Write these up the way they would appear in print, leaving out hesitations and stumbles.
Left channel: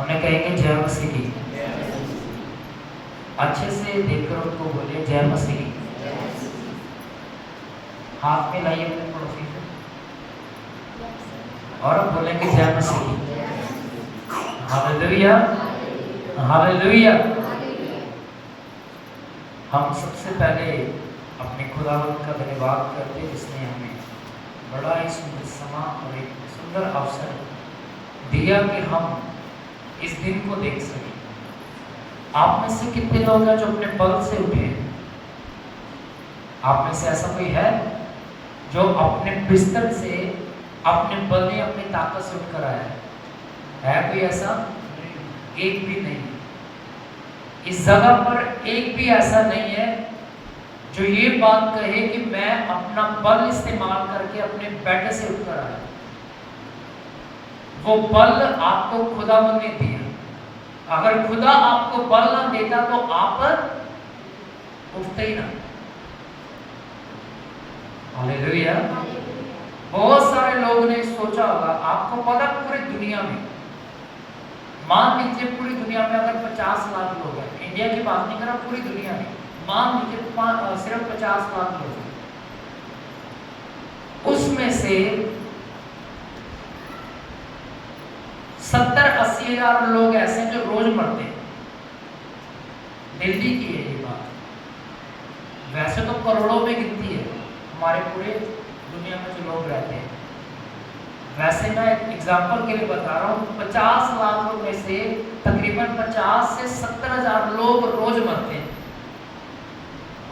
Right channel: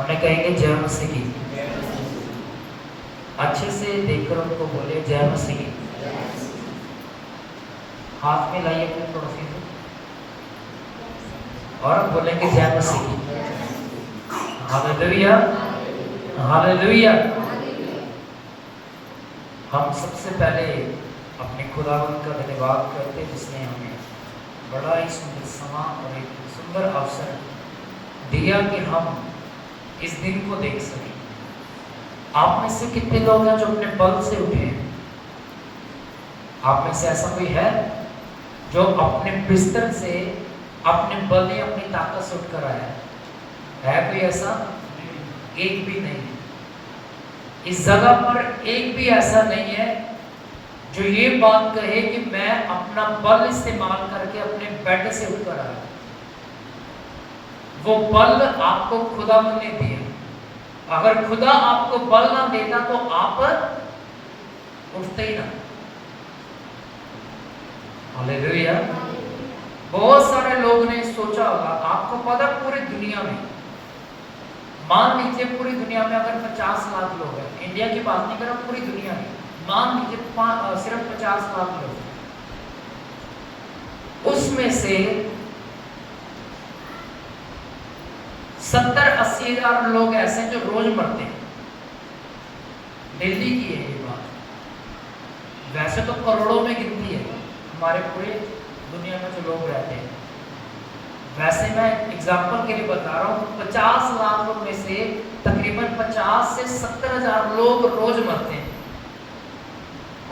उन्हें कहेंगे जय मसीह की। अच्छे से देखकर उनको बोले जय मसीह की। हाथ में लाइए अपने पड़ोसी को और बोलेंगे जय मसीह की। Hallelujah, hallelujah. हम सबसे पहले अपने खुदावंद का धन्यवाद करते हैं जिसने हमें बड़ा ही सुंदर समा और एक सुंदर अवसर दिया कि हम इस दिन को देख सकें। आप में से कितने लोग हैं जो अपने बल से उठे हैं? आप में से ऐसा कोई है जो अपने बिस्तर से अपने बल या अपनी ताकत से उठकर आया है? कोई ऐसा? एक भी नहीं। इस जगह पर एक भी ऐसा नहीं है जो ये बात कहे कि मैं अपना बल इस्तेमाल करके अपने बेड से उठकर आया। वो बल आपको खुदावंद ने दिया। अगर खुदा आपको बल ना देता तो आप उठते ही ना। हालेलुया। बहुत सारे लोगों ने सोचा होगा, आपको पता पूरी दुनिया में, मान लीजिए पूरी दुनिया में अगर 50 लाख लोग हैं, इंडिया की बात नहीं कर रहा, पूरी दुनिया में मान लीजिए सिर्फ 50 लाख लोग, उसमें से 70-80 हजार लोग ऐसे हैं जो रोज मरते हैं। दिल्ली की है ये बात, वैसे तो करोड़ों में गिनती है हमारे पूरे दुनिया में जो लोग रहते हैं। वैसे मैं एग्जांपल के लिए बता रहा हूँ, 50 लाख में से तकरीबन 50 से 70 हजार लोग रोज मरते हैं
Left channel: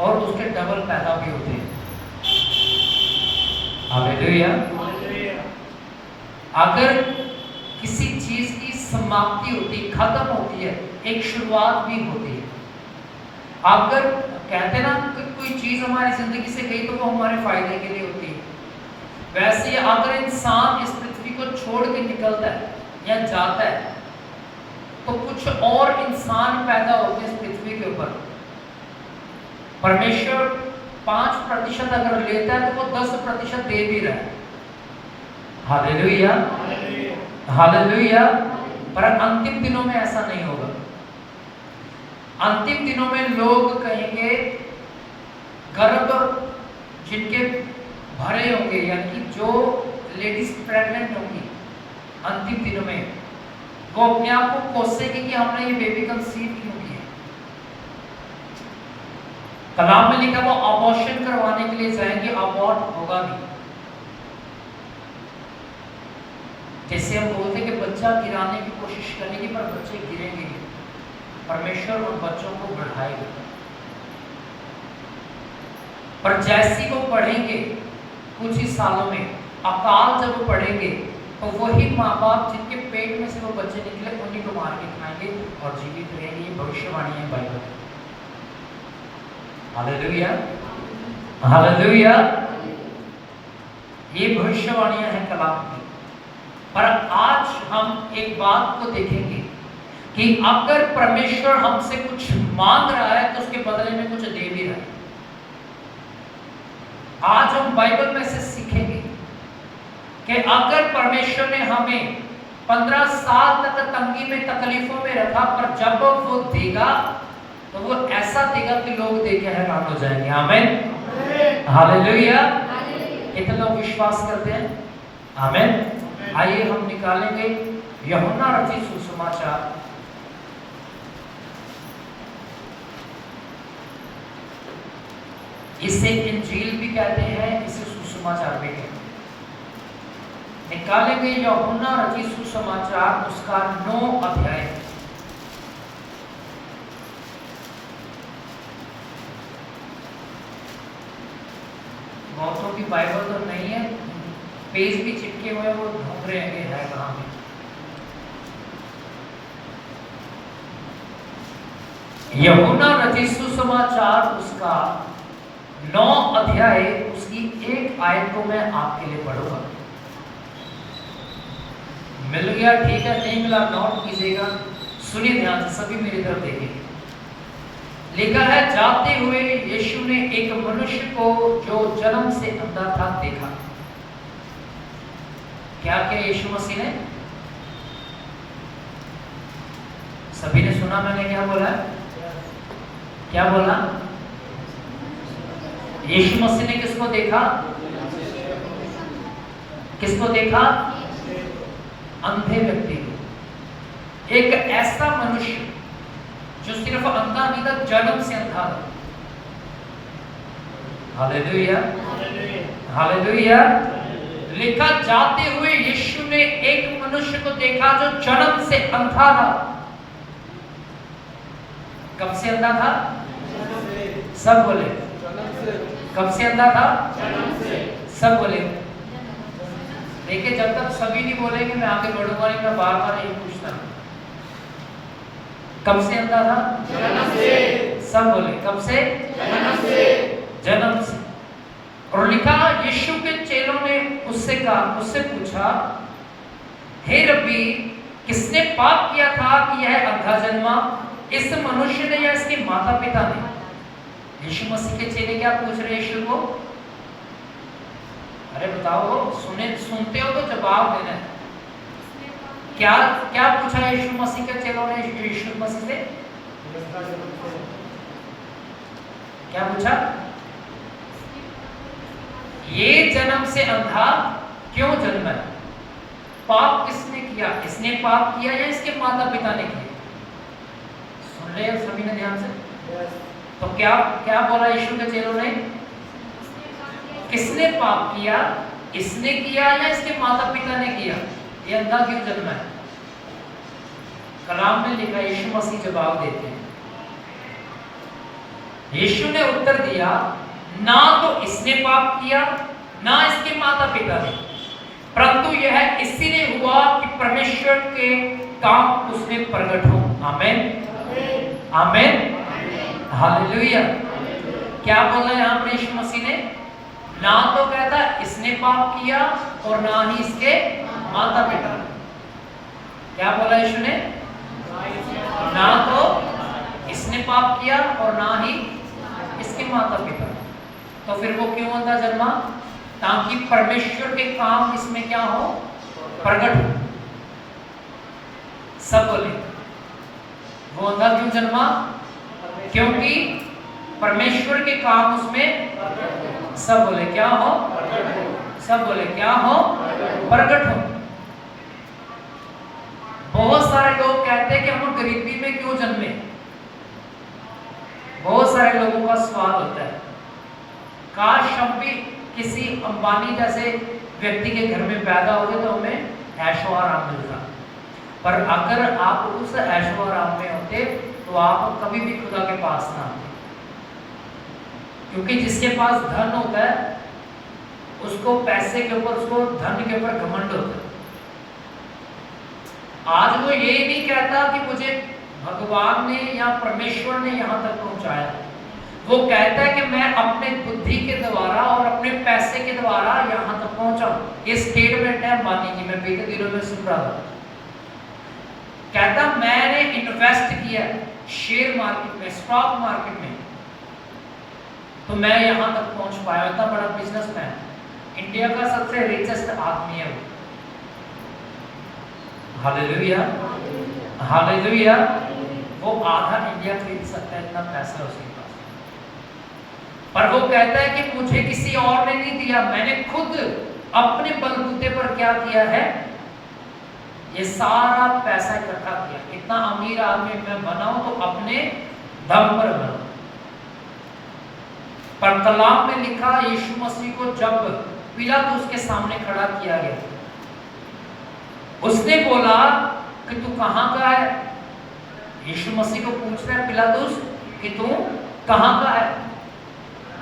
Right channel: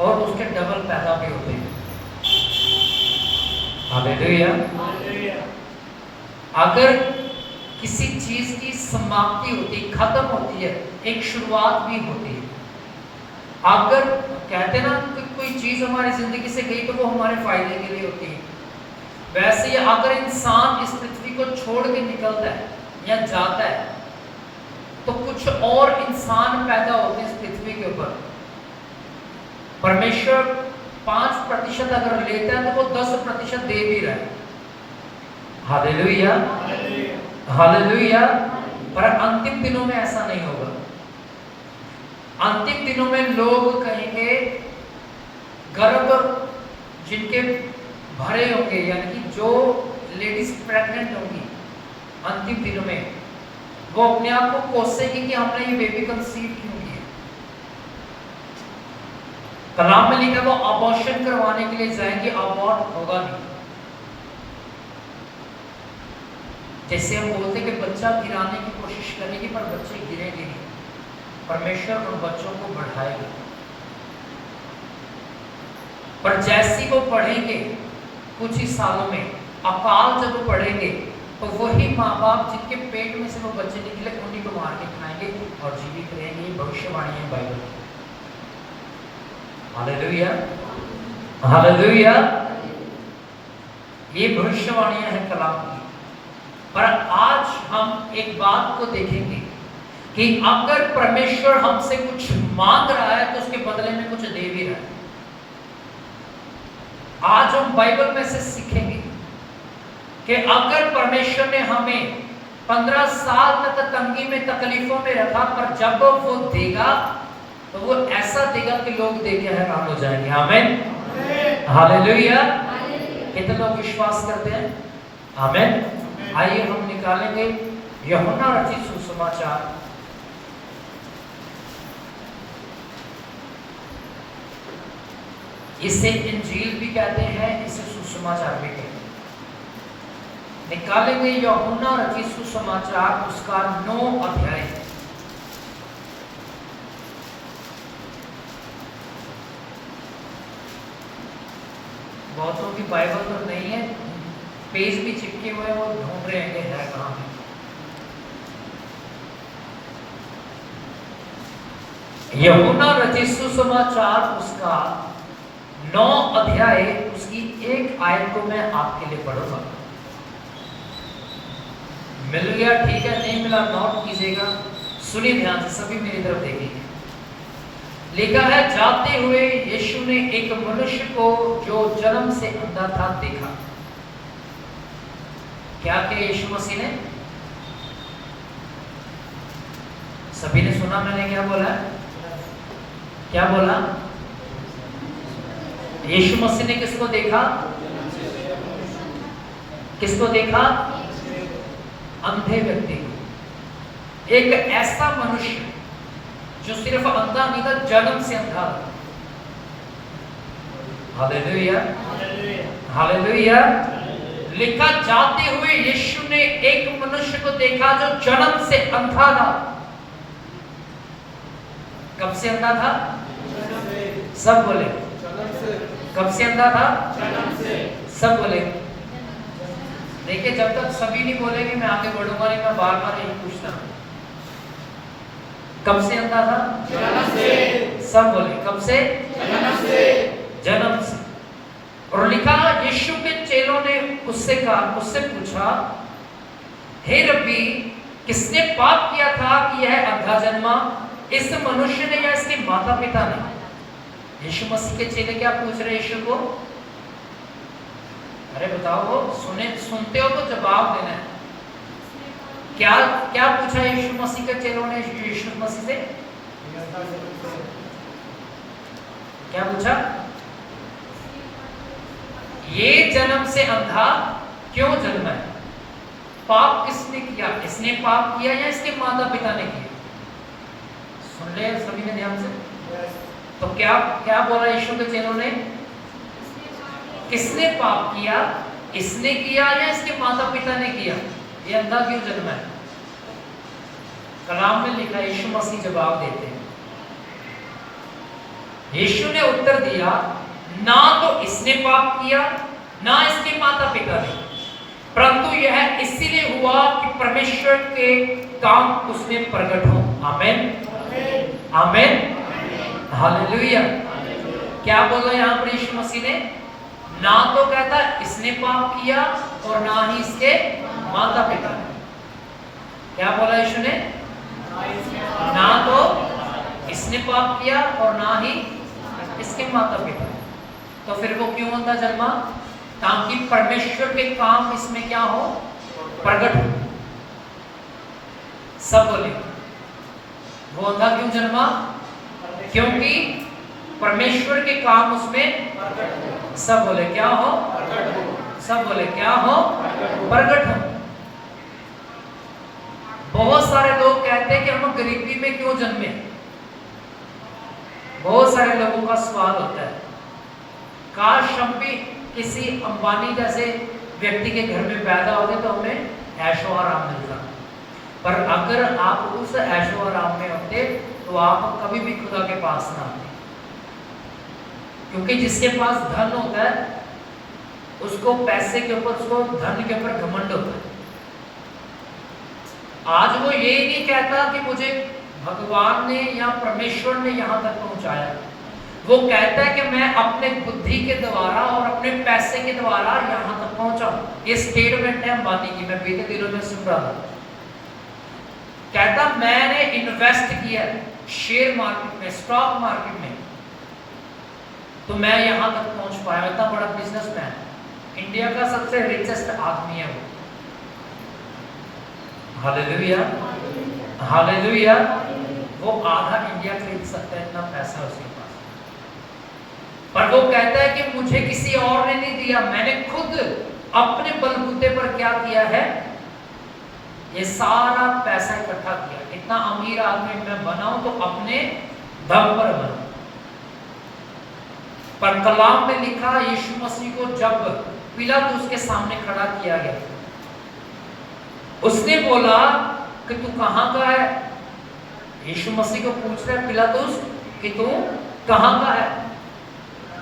और उसके डबल पैदा भी होते हैं। हालेलुया। अगर किसी चीज की समाप्ति होती, खत्म होती है, एक शुरुआत भी होती है। अगर कहते ना कि कोई चीज हमारी जिंदगी से गई तो वो हमारे फायदे के लिए होती है, वैसे ही अगर इंसान इस पृथ्वी को छोड़ के निकलता है या जाता है तो कुछ और इंसान पैदा होते हैं इस पृथ्वी के ऊपर। परमेश्वर 5% अगर लेता है तो वो 10% दे भी रहा है। Hallelujah, hallelujah. पर अंतिम दिनों में ऐसा नहीं होगा। अंतिम दिनों में लोग कहेंगे, गर्भ जिनके भरे होंगे, यानी कि जो लेडीज प्रेग्नेंट होंगी, अंतिम दिनों में वो अपने आप को कोसेंगे कि हमने ये बेबी कंसीव क्यों किया। कलाम में लिखा वो अबॉर्शन करवाने के लिए जाएंगे, अबॉर्ट होगा नहीं। जैसे हम बोलते कि बच्चा गिराने की कोशिश करेंगे पर बच्चे गिरेंगे, परमेश्वर उन बच्चों को बढ़ाएगा। पर जैसी वो पढ़ेंगे कुछ ही सालों में, अकाल जब पढ़ेंगे तो वही माँ बाप जिनके पेट में से वो बच्चे निकले उन्हीं को मार के खाएंगे और जीवित रहेंगे। ये भविष्यवाणी है बाइबल की। Hallelujah, hallelujah. ये भविष्यवाणियां हैं कलाम की। पर आज हम एक बात को देखेंगे कि अगर परमेश्वर हमसे कुछ मांग रहा है तो उसके बदले में कुछ दे भी रहा है। आज हम बाइबल में से सीखेंगे कि अगर परमेश्वर ने हमें 15 साल तक तंगी में, तकलीफों में रखा, पर जब वो देगा तो वो ऐसा देगा कि लोग देख के हैरान हो जाएंगे। आमीन, हालेलुया। कितने लोग विश्वास करते हैं? आमीन। आइए हम निकालेंगे यूहन्ना रचित सुसमाचार, इसे इंजील भी कहते हैं, इसे सुसमाचार भी कहते हैं। निकालेंगे यूहन्ना रचित सुसमाचार, उसका 9 अध्याय। बहुतों की बाइबल तो नहीं है, पेज भी चिपके हुए, वो ढूंढ रहे हैं कि है कहाँ पे। यूहन्ना रचित सुसमाचार उसका 9 अध्याय, उसकी 1 आयत को मैं आपके लिए पढ़ूंगा। मिल गया? ठीक है, नहीं मिला नोट कीजिएगा। सुनिए ध्यान से, सभी मेरी तरफ देखिए। लिखा है, जाते हुए यीशु ने एक मनुष्य को जो जन्म से अंधा था देखा। क्या किया यीशु मसीह ने? सभी ने सुना मैंने क्या बोला? क्या बोला? यीशु मसीह ने किसको देखा? किसको देखा? अंधे व्यक्ति को। एक ऐसा मनुष्य जो सिर्फ अंधा नहीं था, जन्म से अंधा था। Hallelujah, hallelujah. लिखा जाते हुए यीशु ने एक मनुष्य को देखा जो जन्म से अंधा था। कब से अंधा था? सब बोले। कब से अंधा था? सब बोले। देखिए, जब तक सभी नहीं बोलेंगे मैं आगे बढ़ूंगा नहीं, मैं बार बार यही पूछता हूं। कब से अंधा था? जन्म से। सब बोले। कब से? जन्म से। जन्म से। और लिखा, यीशु के चेलों ने उससे पूछा, हे रब्बी, किसने पाप किया था कि यह अंधा जन्मा, इस मनुष्य ने या इसके माता पिता ने? यीशु मसीह के चेले क्या पूछ रहे यीशु को? अरे बताओ, सुनते हो तो जवाब देना है। क्या क्या पूछा यीशु मसीह के चेलों ने यीशु मसीह से? क्या पूछा? ये जन्म से अंधा क्यों जन्मा है? पाप किसने किया? इसने पाप किया या इसके माता पिता ने किया? सुन ले सभी ने ध्यान से। तो क्या क्या बोला यीशु के चेलों ने? किसने पाप किया? इसने किया या इसके माता पिता ने किया? ये अंधा क्यों जन्मा है? कलाम में लिखा, यीशु मसीह जवाब देते हैं। यीशु ने उत्तर दिया, ना तो इसने पाप किया ना इसके माता पिता ने, परंतु यह इसीलिए हुआ कि परमेश्वर के काम उसने प्रकट हो। आमीन, आमीन, हालेलुया। क्या बोला यहाँ पर यीशु मसीह ने? ना तो कहता इसने पाप किया और ना ही इसके माता पिता ने। क्या बोला यीशु ने? ना तो इसने पाप किया और ना ही इसके माता पिता। तो फिर वो क्यों अंधा जन्मा? ताकि परमेश्वर के काम इसमें क्या हो? प्रकट हो। सब बोले। वो अंधा क्यों जन्मा? क्योंकि परमेश्वर के काम उसमें। सब बोले क्या हो? सब बोले क्या हो? प्रकट हो। बहुत सारे लोग कहते हैं कि हम गरीबी में क्यों जन्मे। बहुत सारे लोगों का सवाल होता है, काश हम भी किसी अंबानी जैसे व्यक्ति के घर में पैदा हो गए तो हमें ऐशो आराम मिलता। पर अगर आप उस ऐशो आराम में होते तो आप कभी भी खुदा के पास ना आते, क्योंकि जिसके पास धन होता है उसको पैसे के ऊपर, उसको धन के ऊपर घमंड होता है। आज वो ये नहीं कहता कि मुझे भगवान ने या परमेश्वर ने यहाँ तक पहुंचाया। वो कहता है कि मैं अपने बुद्धि के द्वारा और अपने पैसे के द्वारा यहाँ तक पहुंचा। ये स्टेटमेंट है अंबानी की, मैं बीते दिनों में सुन रहा था। कहता मैंने इन्वेस्ट किया शेयर मार्केट में, स्टॉक मार्केट में, तो मैं यहाँ तक पहुंच पाया। इतना बड़ा बिजनेसमैन, इंडिया का सबसे रिचेस्ट आदमी है वो। Hallelujah, hallelujah. वो आधा इंडिया खरीद सकता है, इतना पैसा उसके पास। पर वो कहता है कि मुझे किसी और ने नहीं दिया, मैंने खुद अपने बलबूते पर क्या किया है, ये सारा पैसा इकट्ठा किया। इतना अमीर आदमी मैं बनाऊं तो अपने दम पर बनाऊं। पर कलाम में लिखा, यीशु मसीह को जब पिलातुस के सामने खड़ा किया गया, उसने बोला कि तू कहां का है? यीशु मसीह को पूछ रहा है पिलातुस कि तू कहां का है,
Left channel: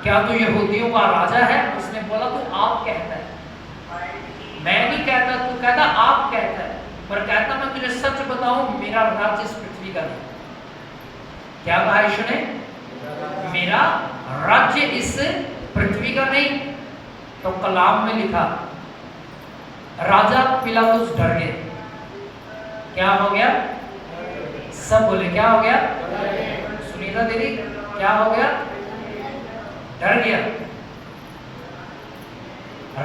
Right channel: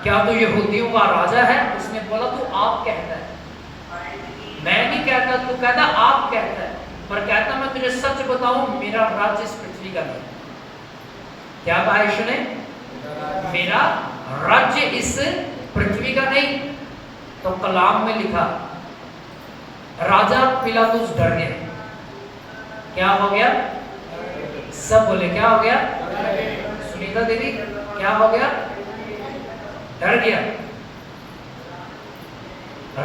क्या तू यहूदियों का राजा है? उसने बोला तू आप कहता है। मैं नहीं कहता, तू कहता आप कहता है। पर कहता मैं तुझे सच बताऊं, मेरा राज्य इस पृथ्वी का नहीं। क्या कहा यीशु ने? मेरा राज्य इस पृथ्वी का नहीं। तो कलाम में लिखा, राजा पिलातुस डर गया। क्या हो गया? सब बोले क्या हो गया? सुनीता दीदी क्या हो गया? डर गया।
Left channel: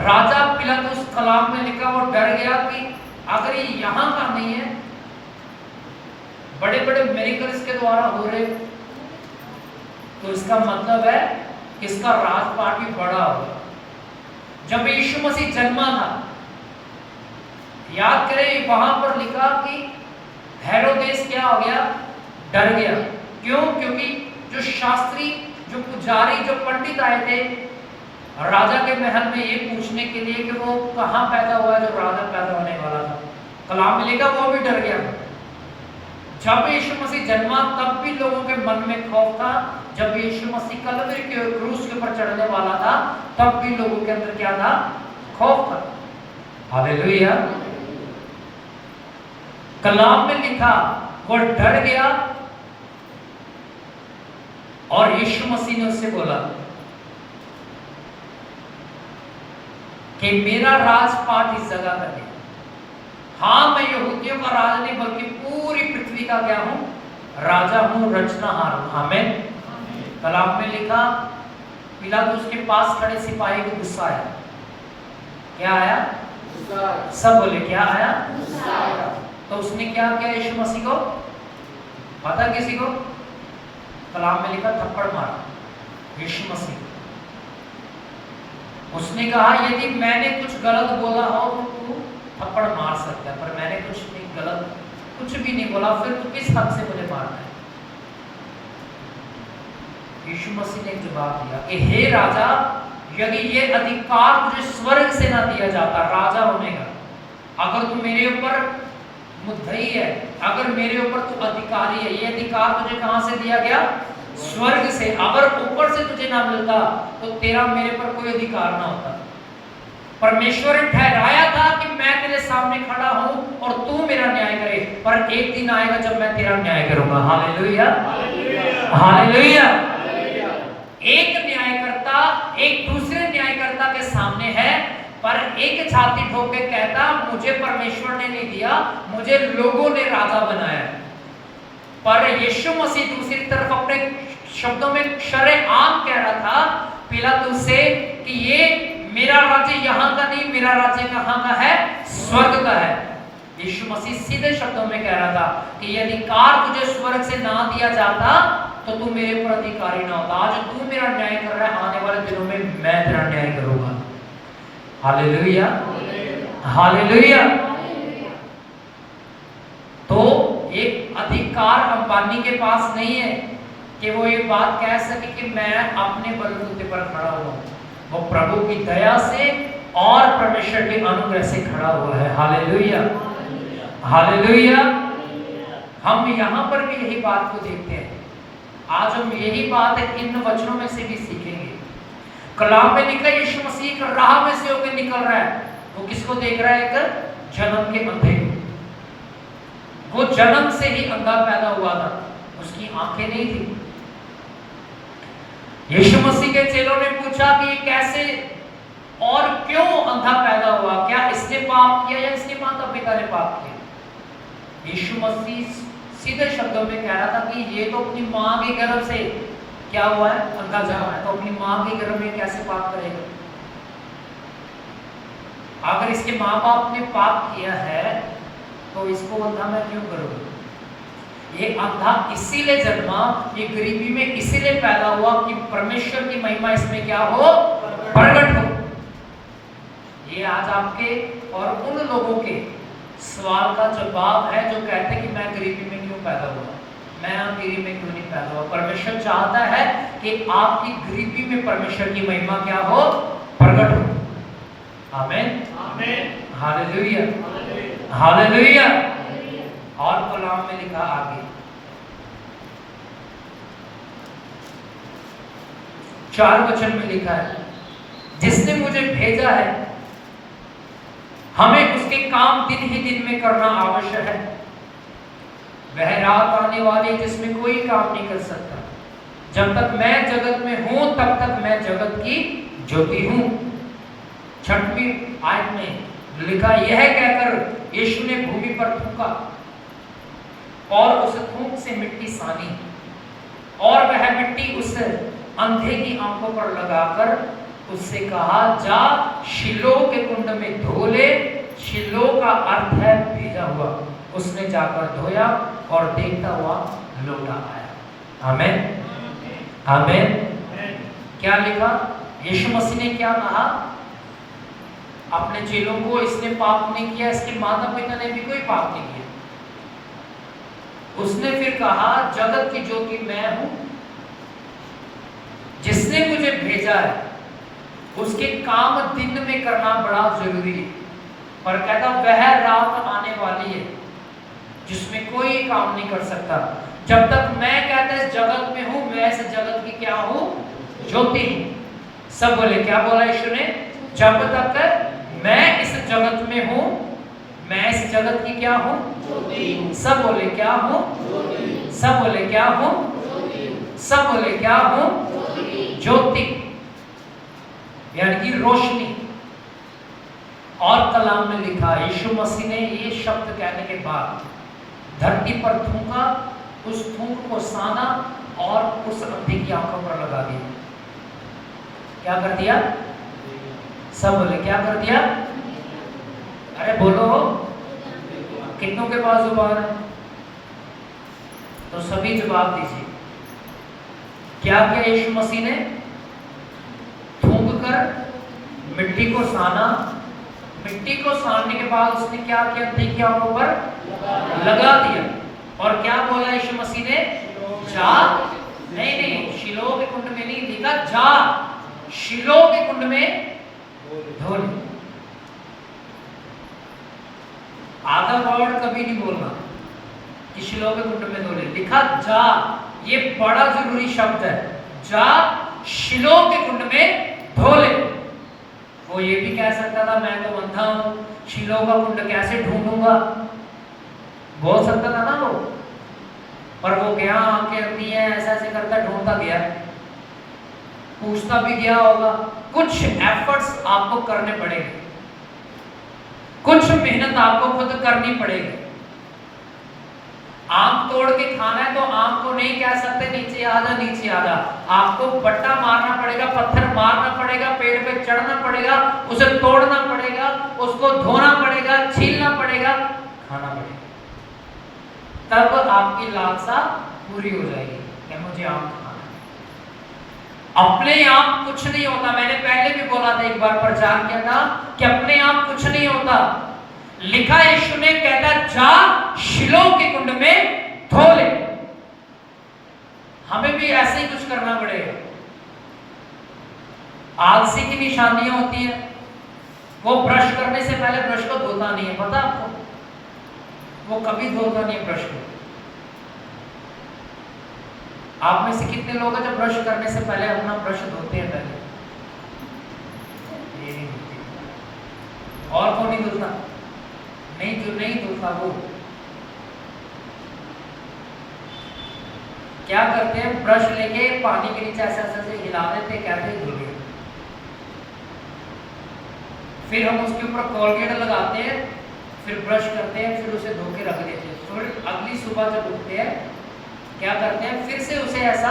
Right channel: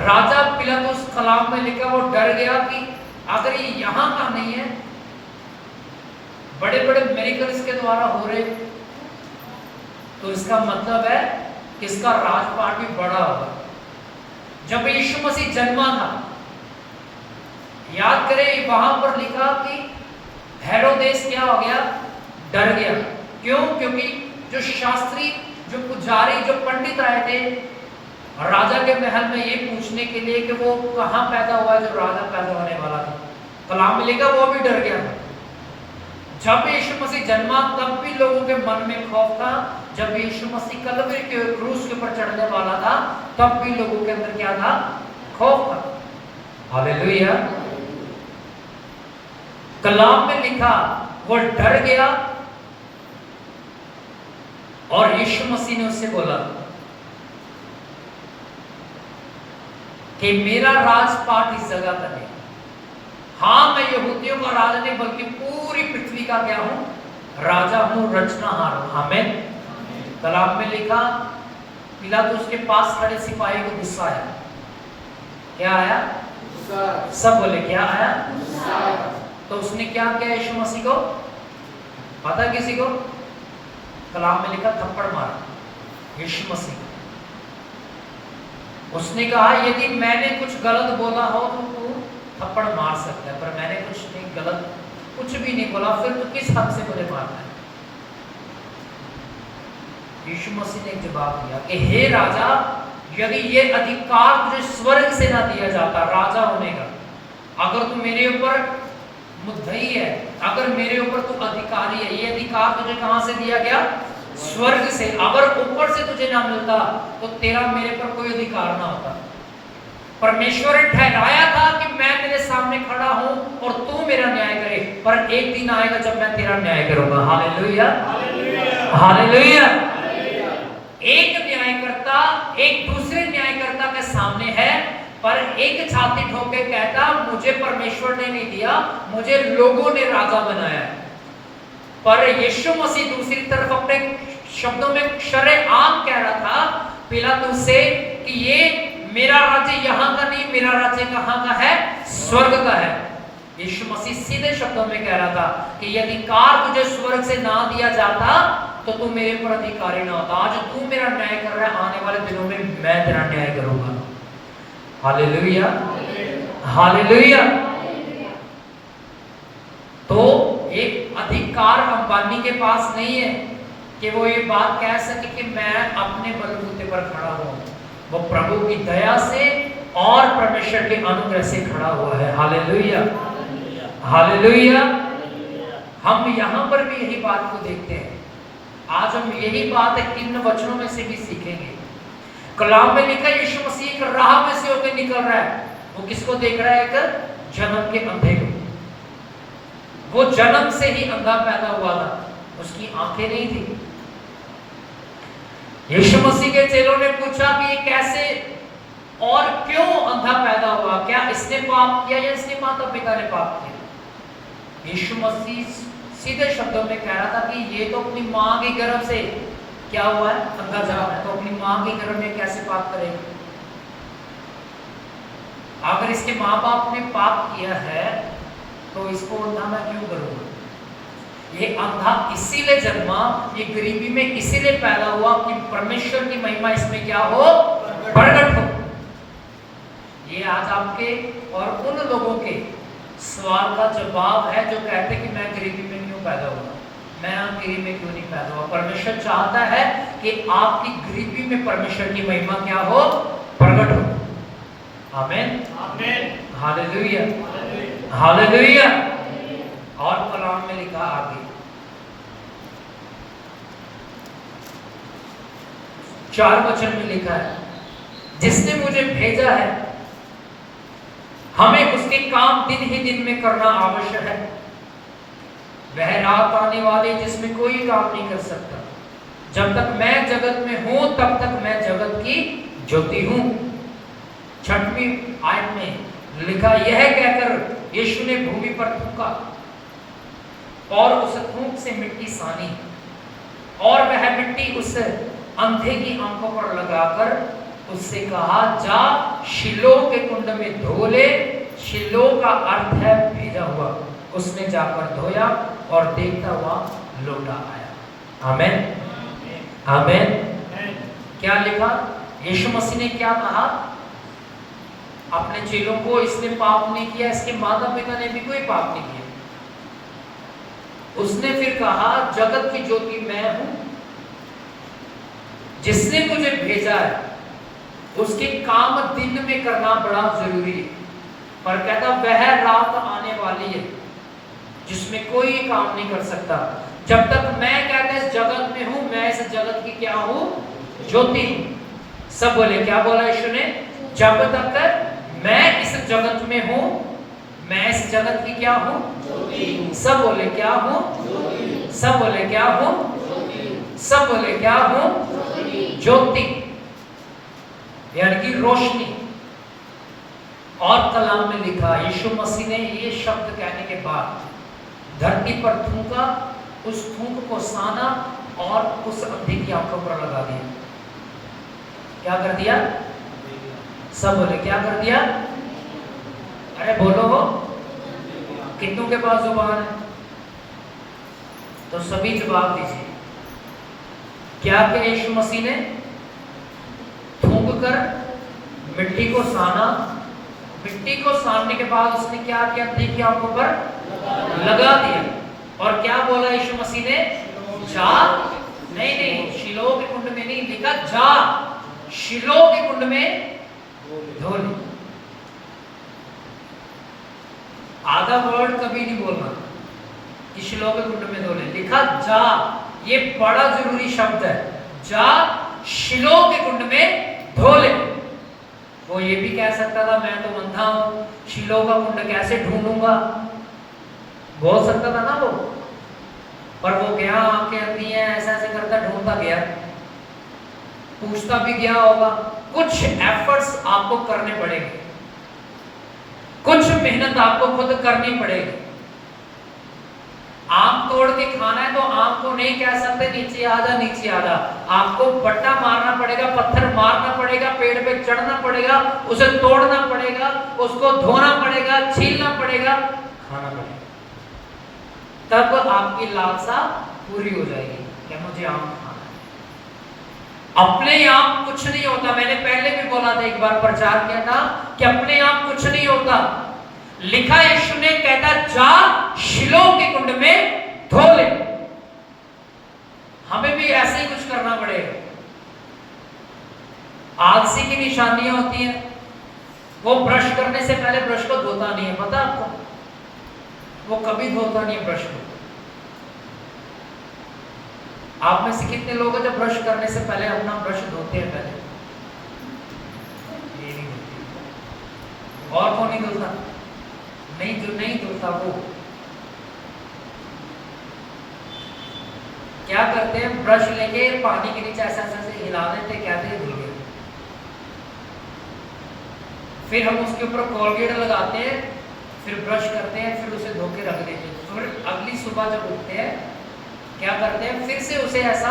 राजा पिलातुस, कलाम में लिखा, वो डर गया कि अगर ये यहां का नहीं है, बड़े बड़े मिरेकल्स के द्वारा हो रहे, तो इसका मतलब है कि इसका राजपाट भी बड़ा होगा। जब यीशु मसीह जन्मा था, याद करें वहां पर लिखा कि हेरोदेस क्या हो गया, डर गया। क्यों? क्योंकि जो शास्त्री, जो पुजारी, जो पंडित आए थे राजा के महल में ये पूछने के लिए कि वो कहां पैदा हुआ है जो राजा पैदा होने वाला था, कलाम मिलेगा, वो भी डर गया। जब यीशु मसीह जन्मा तब भी लोगों के मन में खौफ था। जब यीशु मसीह कलवरी के क्रूस के ऊपर चढ़ने वाला था तब भी लोगों के अंदर क्या था, खौफ था। हालेलुया। कलाम में लिखा वो डर गया और यीशु मसीह ने उससे बोला कि मेरा राजपाट इस जगह पर है। हाँ, मैं यहूदियों का राजा नहीं बल्कि पूरी पृथ्वी का क्या हूं, राजा हूं, रचनाहार हूं। आमीन। कलाम में लिखा पिलातुस के पास खड़े सिपाही को गुस्सा आया। क्या आया? गुस्सा। सब बोले क्या आया? गुस्सा। तो उसने क्या किया यीशु मसीह को? पता किसी को? कलाम में लिखा थप्पड़ मारा यीशु मसीह। उसने कहा यदि मैंने कुछ गलत बोला हो तो तू थप्पड़ मार सकता है, पर मैंने कुछ नहीं गलत, कुछ भी नहीं बोला, फिर तो किस हद से मुझे मारना है? यीशु मसीह ने जवाब दिया कि हे राजा, यदि ये अधिकार तुझे स्वर्ग से ना दिया जाता राजा होने का, अगर तू मेरे ऊपर मुद्दई है, अगर मेरे ऊपर तू अधिकारी है, ये अधिकार तुझे कहां से दिया गया? स्वर्ग से। अगर ऊपर से तुझे ना मिलता तो तेरा मेरे पर कोई अधिकार ना होता। परमेश्वर ने ठहराया था कि मैं तेरे सामने खड़ा हूं और तू मेरा न्याय करे, पर एक दिन आएगा जब मैं तेरा न्याय करूंगा। Hallelujah, hallelujah. एक न्यायकर्ता एक दूसरे न्यायकर्ता के सामने है, पर एक छाती ठोक के कहता मुझे परमेश्वर ने नहीं दिया, मुझे लोगों ने राजा बनाया। पर यीशु मसीह दूसरी तरफ अपने शब्दों में शरेआम कह रहा था पिलातुस से कि ये मेरा राज्य यहाँ का नहीं, मेरा राज्य कहाँ का है? स्वर्ग का है। यीशु मसीह सीधे शब्दों में कह रहा था कि ये अधिकार तुझे स्वर्ग से ना दिया जाता तो तू मेरे पर अधिकारी ना होता। आज तू मेरा न्याय कर रहा है, आने वाले दिनों में मैं तेरा न्याय करूंगा। Hallelujah, hallelujah. तो एक अधिकार अंबानी के पास नहीं है कि वो ये बात कह सके कि मैं अपने बलबूते पर खड़ा हूं। वो प्रभु की दया से और परमेश्वर के अनुग्रह से खड़ा हुआ है। Hallelujah, hallelujah. हम यहाँ पर भी यही बात को देखते हैं। आज हम यही बात है इन वचनों में से भी सीखेंगे। कलाम में लिखा यीशु मसीह एक राह में से होकर निकल रहा है। वो किसको देख रहा है? एक जन्म के अंधे को। वो जन्म से ही अंधा पैदा हुआ था, उसकी आंखें नहीं थी। यीशु मसीह के चेलों ने पूछा कि ये कैसे और क्यों अंधा पैदा हुआ? क्या इसने पाप किया या इसके माता पिता ने पाप किया? यीशु मसीह सीधे शब्दों में कह रहा था कि ये तो अपनी मां के गर्भ से क्या हुआ है? अंधा जन्मा है। तो अपनी मां के गर्भ में कैसे पाप करेगा? अगर इसके माँ बाप ने पाप किया है तो इसको अंधा मैं क्यों करूंगा? ये अंधा इसीलिए जन्मा, ये गरीबी में इसीलिए पैदा हुआ कि परमेश्वर की महिमा इसमें क्या हो? प्रकट हो। ये आज आपके और उन लोगों के सवाल का जवाब है जो कहते हैं कि मैं गरीबी में क्यों पैदा हुआ, मैं अमीरी में क्यों नहीं पैदा हुआ। परमेश्वर चाहता है कि आपकी गरीबी में परमेश्वर की महिमा क्या हो? प्रकट हो। आमीन, आमीन, हालेलुया, हालेलुया। और कलाम में लिखा आगे 4 वचन में लिखा है, जिसने मुझे भेजा है हमें उसके काम दिन ही दिन में करना आवश्यक है। वह रात आने वाली जिसमें कोई काम नहीं कर सकता। जब तक मैं जगत में हूं तब तक मैं जगत की ज्योति हूं। 6वीं आयत में लिखा, यह कहकर यीशु ने भूमि पर थूका और उस थूक से मिट्टी सानी और वह मिट्टी उस अंधे की आंखों पर लगाकर उससे कहा, जा शिलो के कुंड में धो ले। शिलो का अर्थ है भेजा हुआ। उसने जाकर धोया और देखता हुआ लौटा आया। आमेन, आमेन। क्या लिखा? यीशु मसीह ने क्या कहा अपने चेलों को? इसने पाप नहीं किया, इसके माता पिता ने भी कोई पाप नहीं किया। उसने फिर कहा जगत की ज्योति मैं हूं, जिसने मुझे भेजा है उसके काम दिन में करना बड़ा जरूरी है। पर कहता वह रात आने वाली है जिसमें कोई काम नहीं कर सकता। जब तक मैं कहता इस जगत में हूं, मैं इस जगत की क्या हूं? ज्योति। सब बोले, क्या बोला यीशु ने? जब तक मैं इस जगत में हूं, मैं इस जगत की क्या हूं? ज्योति। सब बोले क्या हूं? ज्योति। सब बोले क्या हूं? ज्योति। सब बोले क्या हूं? ज्योति, यानी कि रोशनी। और कलाम में लिखा यीशु मसीह ने ये शब्द कहने के बाद धरती पर थूका, उस थूक को साना और उस अंधे की आंखों पर लगा दिया। क्या कर दिया? सब बोले क्या कर दिया? अरे बोलो, कितनों के पास जुबान है? तो सभी जवाब दीजिए। क्या किया यीशु मसीह ने? थूक कर मिट्टी को साना, मिट्टी को सानने के बाद उसने क्या किया? अंधे की आंखों पर लगा दिया। और क्या बोला यीशु मसीह ने? जा। नहीं, शिलोह के कुंड में नहीं लिखा जा, शिलोह के कुंड में धो ले। आधा वर्ड कभी नहीं बोलना कि शिलोह के कुंड में धो ले, लिखा जा। ये बड़ा जरूरी शब्द है, जा शिलोह के कुंड में धो ले। वो ये भी कह सकता था मैं तो अंधा हूं, शिलोह का कुंड कैसे ढूंढूंगा, बोल सकता था ना वो। पर वो गया, आंखें अंधी हैं, ऐसा ऐसे करता ढूंढता गया, पूछता भी गया होगा। कुछ एफर्ट्स आपको करने पड़ेंगे, कुछ मेहनत आपको खुद करनी पड़ेगी। आंख तोड़ के खाना है तो आंख को नहीं कह सकते नीचे आ जा, नीचे आ जा। आपको पट्टा मारना पड़ेगा, पत्थर मारना पड़ेगा, पेड़ पे चढ़ना पड़ेगा, उसे तोड़ना पड़ेगा, उसको धोना पड़ेगा, छीलना पड़ेगा, खाना पड़ेगा, तब आपकी लालसा पूरी हो जाएगी कि मुझे आम खाना है। अपने आप कुछ नहीं होता। मैंने पहले भी बोला था, एक बार प्रचार किया था कि अपने आप कुछ नहीं होता। लिखा यीशु ने कहता जा शिलोह के कुंड में धो ले। हमें भी ऐसे ही कुछ करना पड़ेगा। आलसी की निशानियां होती हैं, वो ब्रश करने से पहले ब्रश को धोता नहीं है, पता आपको? वो कभी धोता नहीं है ब्रश को। आप में से कितने लोग हैं जो ब्रश करने से पहले अपना ब्रश धोते हैं? पहले और कौन नहीं धोता? नहीं, जो नहीं धोता वो क्या करते हैं? ब्रश लेके पानी के नीचे ऐसे ऐसे हिला देते, कहते हैं धुल गए। फिर हम उसके ऊपर कोलगेट लगाते हैं, फिर ब्रश करते हैं, फिर उसे धो के रख देते हैं। फिर अगली सुबह जब उठते हैं क्या करते हैं? फिर से उसे ऐसा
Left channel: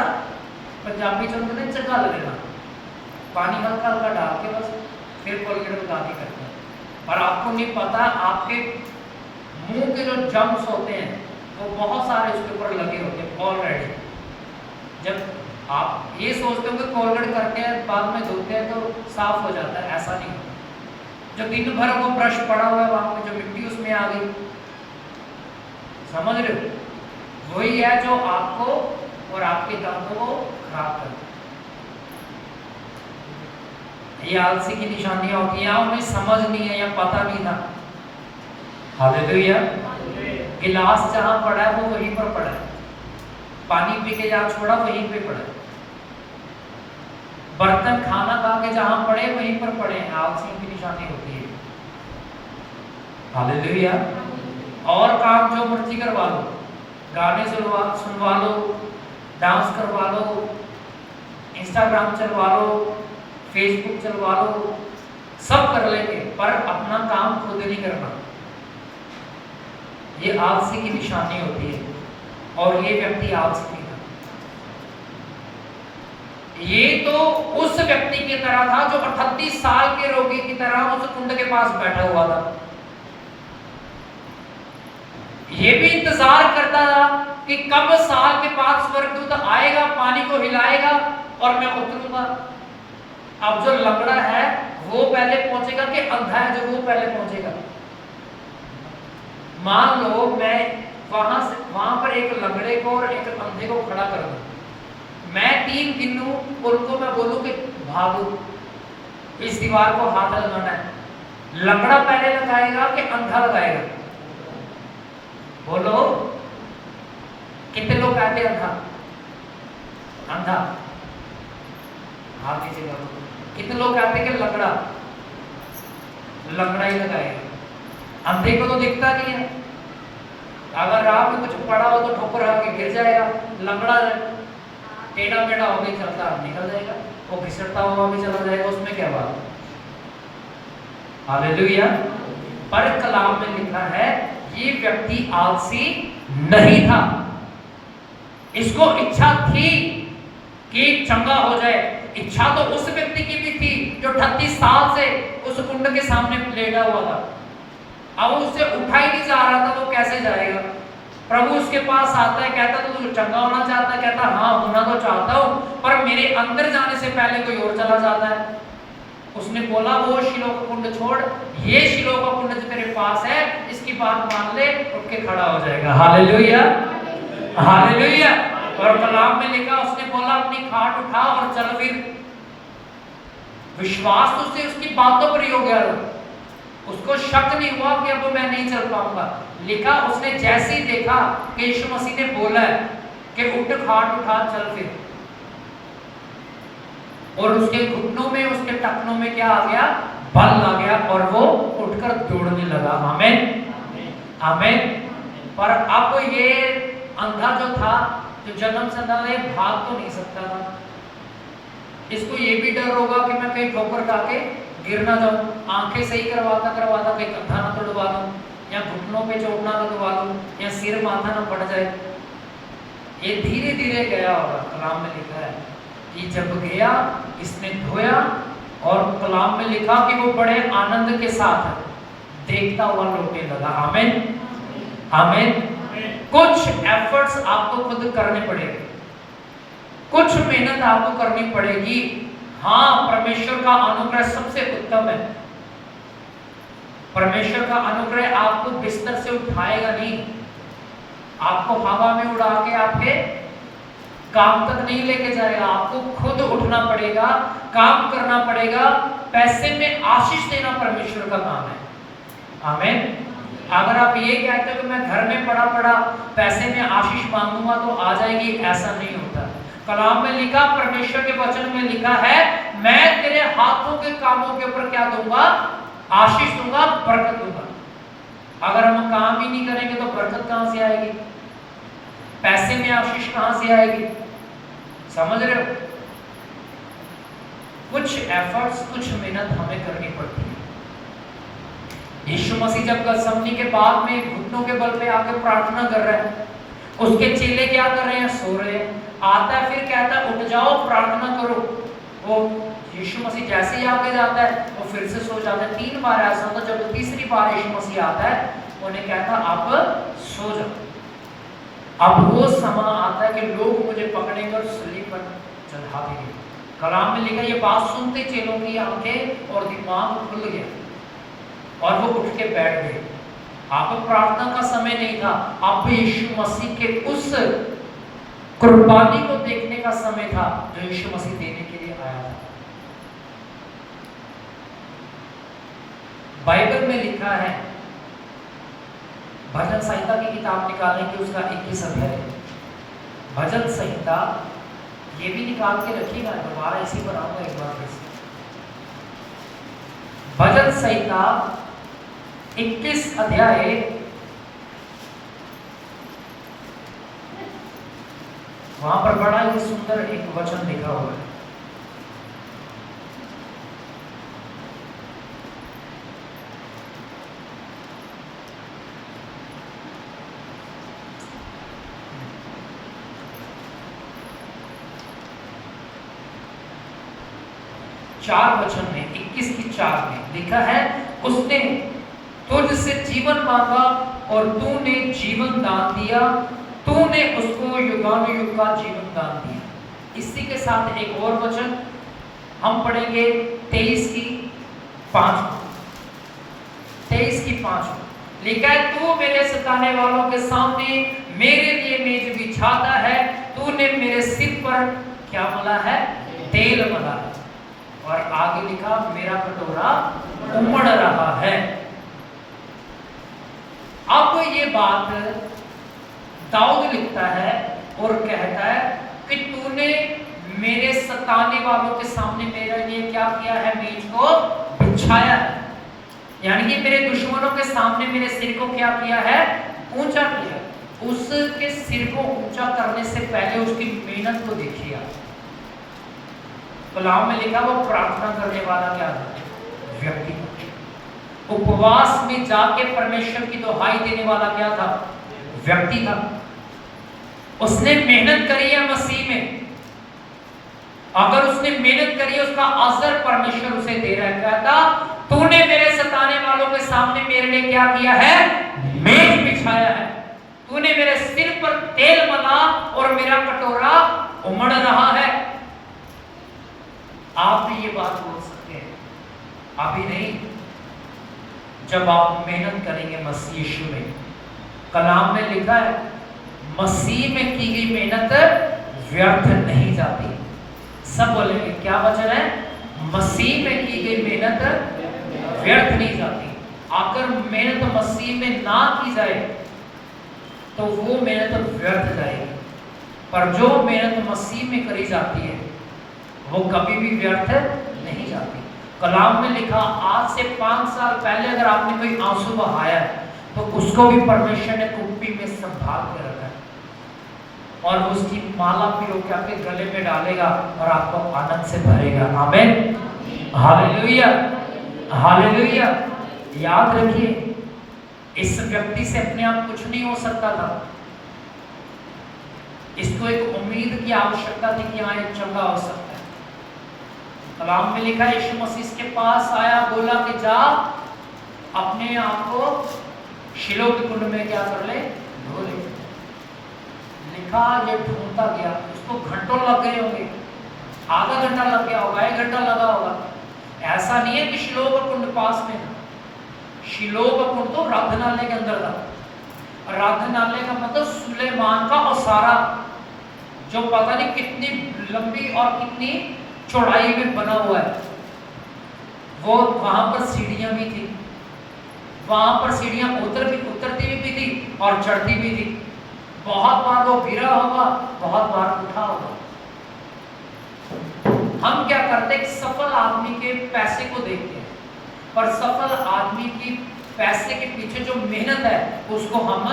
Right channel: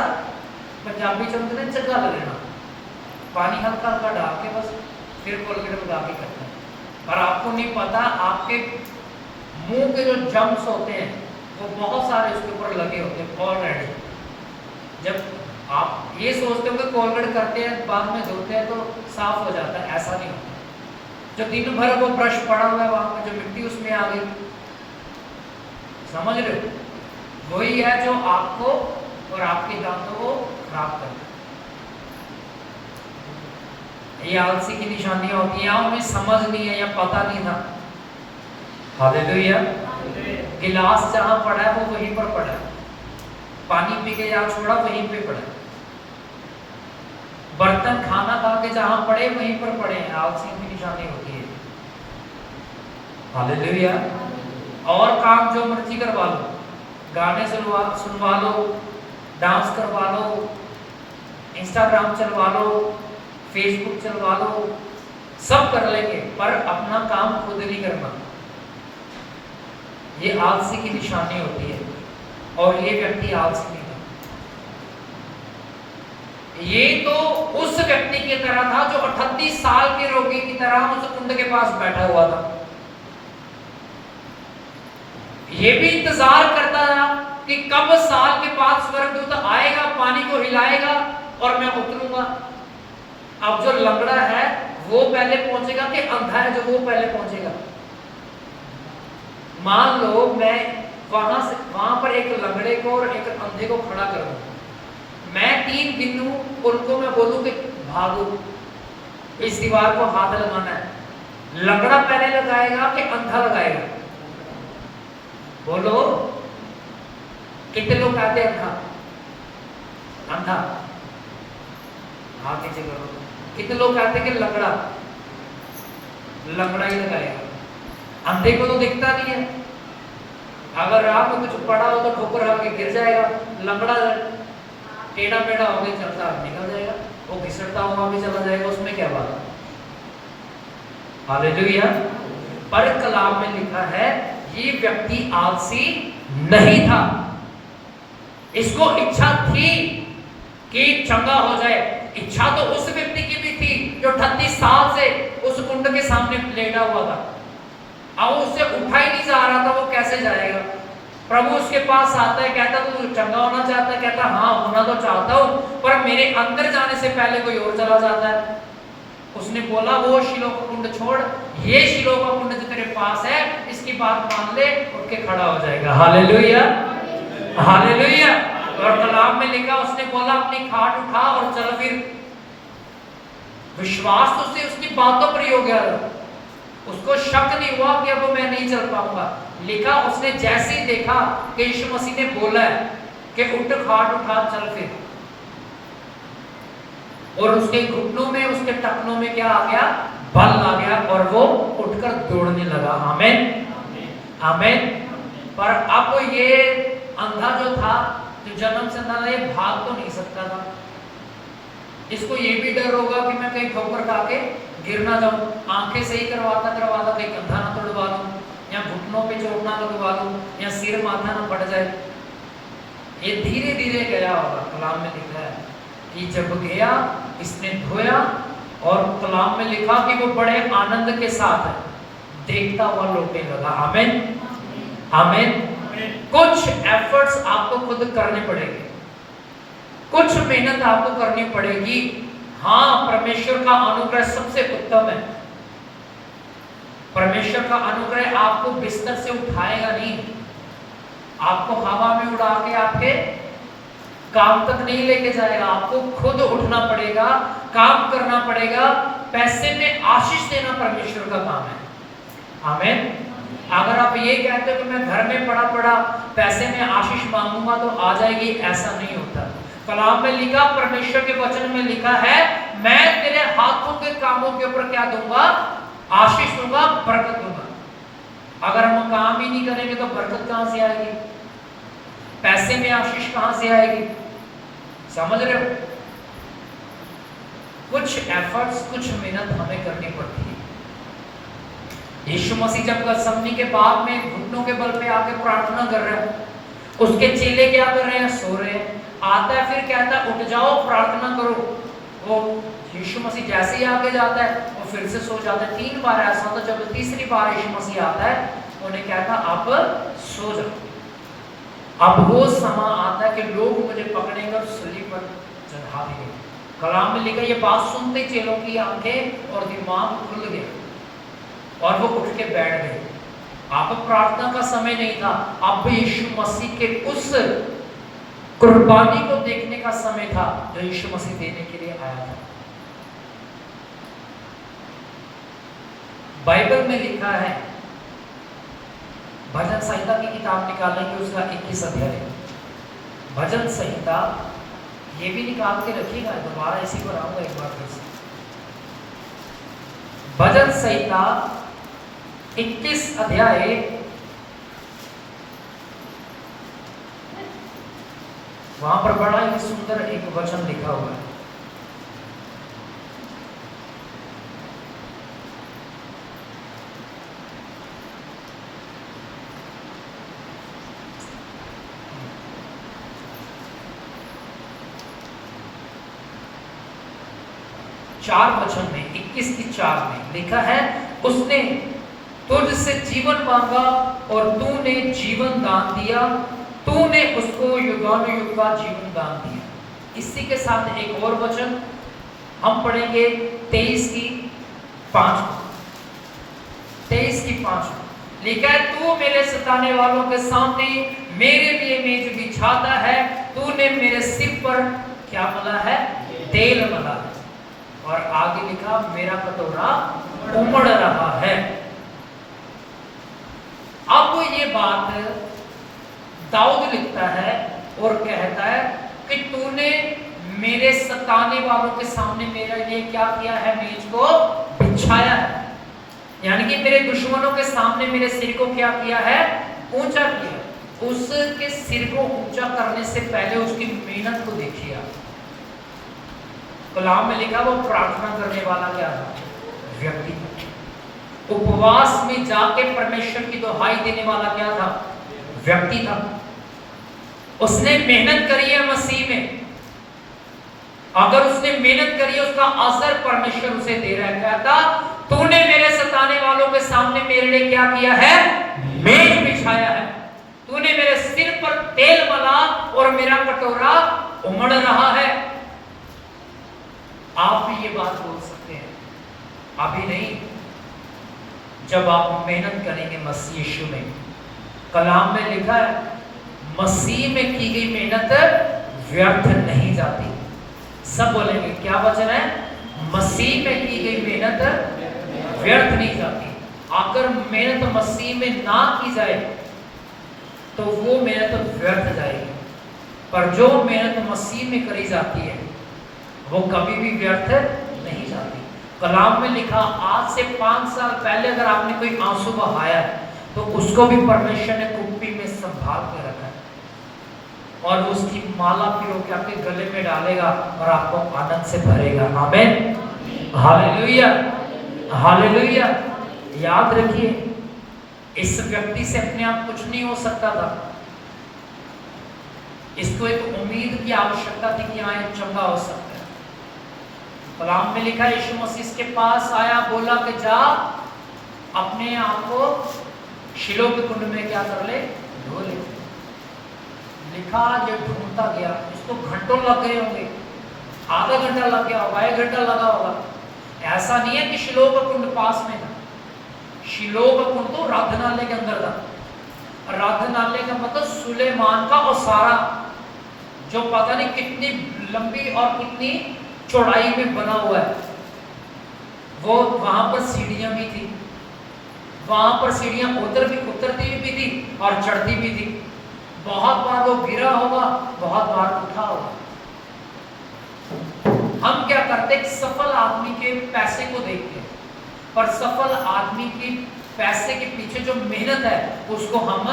पंजाबी चंद ने चगा लेना, पानी हल्का हल्का डाल के बस फिर कोलगेट लगा के करते हैं। और आपको नहीं पता, आपके मुंह के जो जम्स होते हैं वो बहुत सारे उसके ऊपर लगे होते हैं ऑलरेडी। जब आप ये सोचते हो कि कोलगेट करते हैं बाद में धोते हैं तो साफ हो जाता है, ऐसा नहीं होता। जो दिन भर वो ब्रश पड़ा हुआ है वहां पर जो मिट्टी उसमें आ गई, समझ रहे हो? वही है जो आपको और आपके दांतों को खराब करता है। ये आलसी की निशानियां होती हैं, उन्हें समझ नहीं है या पता नहीं था। हालेलुया। गिलास जहां पड़ा है वो वहीं पर पड़ा है, पानी पी के जहां छोड़ा वहीं पे पड़ा, बर्तन खाना खा के जहां पड़े वहीं पर पड़े हैं। आलसियों की निशानी होती है। हालेलुया। और काम जो मर्जी करवा लो, गाने सुनवा लो, डांस करवा लो, इंस्टाग्राम चलवा लो, फेसबुक चलवा लो, सब कर लेंगे, पर अपना काम खुद नहीं करना। ये आलसी की निशानी होती है, और ये व्यक्ति आलसी नहीं था। ये तो उस व्यक्ति की तरह था जो 38 साल के रोगी की तरह उस कुंड के पास बैठा हुआ था। ये भी इंतजार करता था कि कब साल के बाद स्वर्गदूत आएगा, पानी को हिलाएगा और मैं उतरूंगा। अब जो लंगड़ा है वो पहले पहुंचेगा कि अंधा है जो वो पहले पहुंचेगा? मान लो मैं वहां पर एक लंगड़े को और एक अंधे को खड़ा कर दूं, मैं 3 गिनूं, उनको मैं बोलूं कि भागो, इस दीवार को हाथ लगाना है, लंगड़ा पहले लगाएगा कि अंधा लगाएगा? बोलो, कितने लोग कहते हैं अंधा? अंधा हाथ नीचे करो। कितने लोग कहते हैं कि लंगड़ा? लंगड़ा ही लगाएगा। अंधे को तो दिखता नहीं है, अगर राह में कुछ पड़ा हो तो ठोकर खा के गिर जाएगा। लंगड़ा टेढ़ा मेढ़ा हो गया चलता निकल जाएगा, वो घिसटता हुआ भी चला जाएगा, उसमें क्या बात? हालेलुया। पर कलाम में लिखा है ये व्यक्ति आलसी नहीं था, इसको इच्छा थी कि चंगा हो जाए। इच्छा तो उस व्यक्ति की भी थी जो 38 साल से उस कुंड के सामने लेटा हुआ था। अब उससे उठा ही नहीं जा रहा था, वो कैसे जाएगा? प्रभु उसके पास आता है, कहता है तू चंगा होना चाहता है? कहता हाँ होना तो चाहता हूँ, पर मेरे अंदर जाने से पहले कोई और चला जाता है। उसने बोला वो शिलो का कुंड छोड़, ये शिलो का कुंड जो तेरे पास है इसकी बात मान ले, उठ के खड़ा हो जाएगा। Hallelujah, hallelujah. और कलाम में लिखा उसने बोला अपनी खाट उठा और चल फिर। विश्वास तो उसे उसकी बातों पर ही हो गया, उसको शक नहीं हुआ कि अब मैं नहीं चल पाऊंगा। लिखा उसने जैसे ही देखा कि यीशु मसीह ने बोला है कि उठ, खाट उठा, चल फिर, और उसके घुटनों में उसके टखनों में क्या आ गया? बल आ गया और वो उठकर दौड़ने लगा। आमीन, आमीन। पर अब ये अंधा जो था, जो जन्म से अंधा, ये भाग तो नहीं सकता था। इसको ये भी डर होगा कि मैं कहीं ठोकर खा के गिर ना जाऊं, आंखें सही करवाता करवाता कहीं कंधा ना तोड़वा दूं, या घुटनों पे चोट ना लगवा दूं, या सिर माथा ना पड़ जाए। ये धीरे धीरे गया होगा। कलाम में लिखा है कि जब गया इसने धोया, और कलाम में लिखा कि वो बड़े आनंद के साथ देखता हुआ लौटने लगा। आमीन, आमीन। कुछ एफर्ट्स आपको खुद करने पड़ेंगे, कुछ मेहनत आपको करनी पड़ेगी। हाँ, परमेश्वर का अनुग्रह सबसे उत्तम है। परमेश्वर का अनुग्रह आपको बिस्तर से उठाएगा नहीं, आपको हवा में उड़ा के आपके काम तक नहीं लेके जाएगा। आपको खुद उठना पड़ेगा, काम करना पड़ेगा। पैसे में आशीष देना परमेश्वर का काम है। आमीन। अगर आप ये कहते हो कि मैं घर में पड़ा पड़ा पैसे में आशीष मांगूंगा तो आ जाएगी, ऐसा नहीं होता। कलाम में लिखा, परमेश्वर के वचन में लिखा है, मैं तेरे हाथों के कामों के ऊपर क्या दूंगा? आशीष दूंगा, बरकत दूंगा। अगर हम काम ही नहीं करेंगे तो बरकत कहां से आएगी? पैसे में आशीष कहां से आएगी? समझ रहे हो? कुछ एफर्ट्स, कुछ मेहनत हमें करनी पड़ती है। यीशु मसीह जब गतसमनी के बाद में घुटनों के बल पे आके प्रार्थना कर रहे हैं, उसके चेले क्या कर रहे हैं? सो रहे हैं। आता है, फिर कहता है उठ जाओ, प्रार्थना करो। वो यीशु मसीह जैसे ही आगे जाता है वो फिर से सो जाता है। 3 बार ऐसा होता है। जब तीसरी बार यीशु मसीह आता है उन्हें कहता अब सो जाओ। अब वो समय आता है कि लोग मुझे पकड़े कर सूली पर चढ़ा देंगे। कलाम में लिखा, ये बात सुनते चेलों की आंखें और दिमाग खुल गया और वो उठ के बैठ गए। अब प्रार्थना का समय नहीं था, अब यीशु मसीह के उस कुर्बानी को देखने का समय था जो यीशु मसीह देने के लिए आया था। बाइबल में लिखा है, भजन संहिता की किताब निकालेंगे, उसका 21 अध्याय। भजन संहिता ये भी निकाल के रखिएगा, दोबारा इसी पर आऊंगा एक बार फिर से। भजन संहिता 21 अध्याय, वहां पर बड़ा ही सुंदर एक वचन लिखा हुआ है। चार वचन में 21 की 4 में लिखा है, उसने तुझसे जीवन मांगा और तूने जीवन दान दिया, तूने उसको युगानुयुग का जीवन दान दिया। इसी के साथ एक और वचन हम पढ़ेंगे 23 की 5। 23 की 5 लिखा है, तू मेरे सताने वालों के सामने मेरे लिए मेज बिछाता है, तूने मेरे सिर पर क्या मला है? तेल मला है। और आगे लिखा, मेरा कटोरा उमड़ रहा है। अब ये बात दाऊद लिखता है और कहता है कि तूने मेरे सताने वालों के सामने मेरे लिए क्या किया है? मेज को बिछाया है। यानी कि मेरे दुश्मनों के सामने मेरे सिर को क्या किया है? ऊंचा किया। उसके सिर को ऊंचा करने से पहले उसकी मेहनत को देखिए। कलाम में लिखा, वो प्रार्थना करने वाला क्या था? व्यक्ति। उपवास में जाके परमेश्वर की दुहाई देने वाला क्या था? व्यक्ति था। उसने मेहनत करी है मसीह में। अगर उसने मेहनत करी है, उसका असर परमेश्वर उसे दे रहा है। कहता, तूने मेरे सताने वालों के सामने मेरे लिए क्या किया है? मेज बिछाया है। तूने मेरे सिर पर तेल मला और मेरा कटोरा उमड़ रहा है। आप भी ये बात बोल सकते हैं, अभी नहीं, जब आप मेहनत करेंगे मसीह यीशु में। कलाम में लिखा है, मसीह में की गई मेहनत व्यर्थ नहीं जाती। सब बोलेंगे, क्या वचन है? मसीह में की गई मेहनत व्यर्थ नहीं जाती। अगर मेहनत मसीह में ना की जाए तो वो मेहनत व्यर्थ जाएगी, पर जो मेहनत मसीह में करी जाती है वो कभी भी व्यर्थ नहीं जाती। कलाम में लिखा, आज से 5 साल पहले अगर आपने कोई आंसू बहाया तो उसको भी परमेश्वर ने कुप्पी में संभाल के रखा और उसकी माला पिरो के आपके गले में डालेगा और आपको आनंद से भरेगा। आमीन, हालेलुया, हालेलुया। याद रखिए, इस व्यक्ति से अपने आप कुछ नहीं हो सकता था। इसको एक उम्मीद की आवश्यकता थी कि हाँ, एक चंगा हो सकता है। कलाम में लिखा, यीशु मसीह के पास आया, बोला कि जा अपने आप को शिलोह के कुंड में क्या कर ले? धो ले। लिखा, ये ढूंढता गया, उसको घंटों लग गए होंगे, आधा घंटा लग गया होगा, 1 घंटा लगा होगा। ऐसा नहीं है कि शिलोह का कुंड पास में था। शिलोह का कुंड तो आराधनालय के अंदर था। आराधनालय का मतलब सुलेमान का ओसारा, जो पता नहीं कितनी लंबी और कितनी चौड़ाई में बना हुआ है। वो वहां पर सीढ़ियां भी थी, वहां पर सीढ़ियां उतरती भी थी और चढ़ती भी थी। बहुत बार वो गिरा होगा, बहुत बार उठा होगा। हम क्या करते हैं? सफल आदमी के पैसे को देखते हैं, पर सफल आदमी की पैसे के पीछे जो मेहनत है उसको हम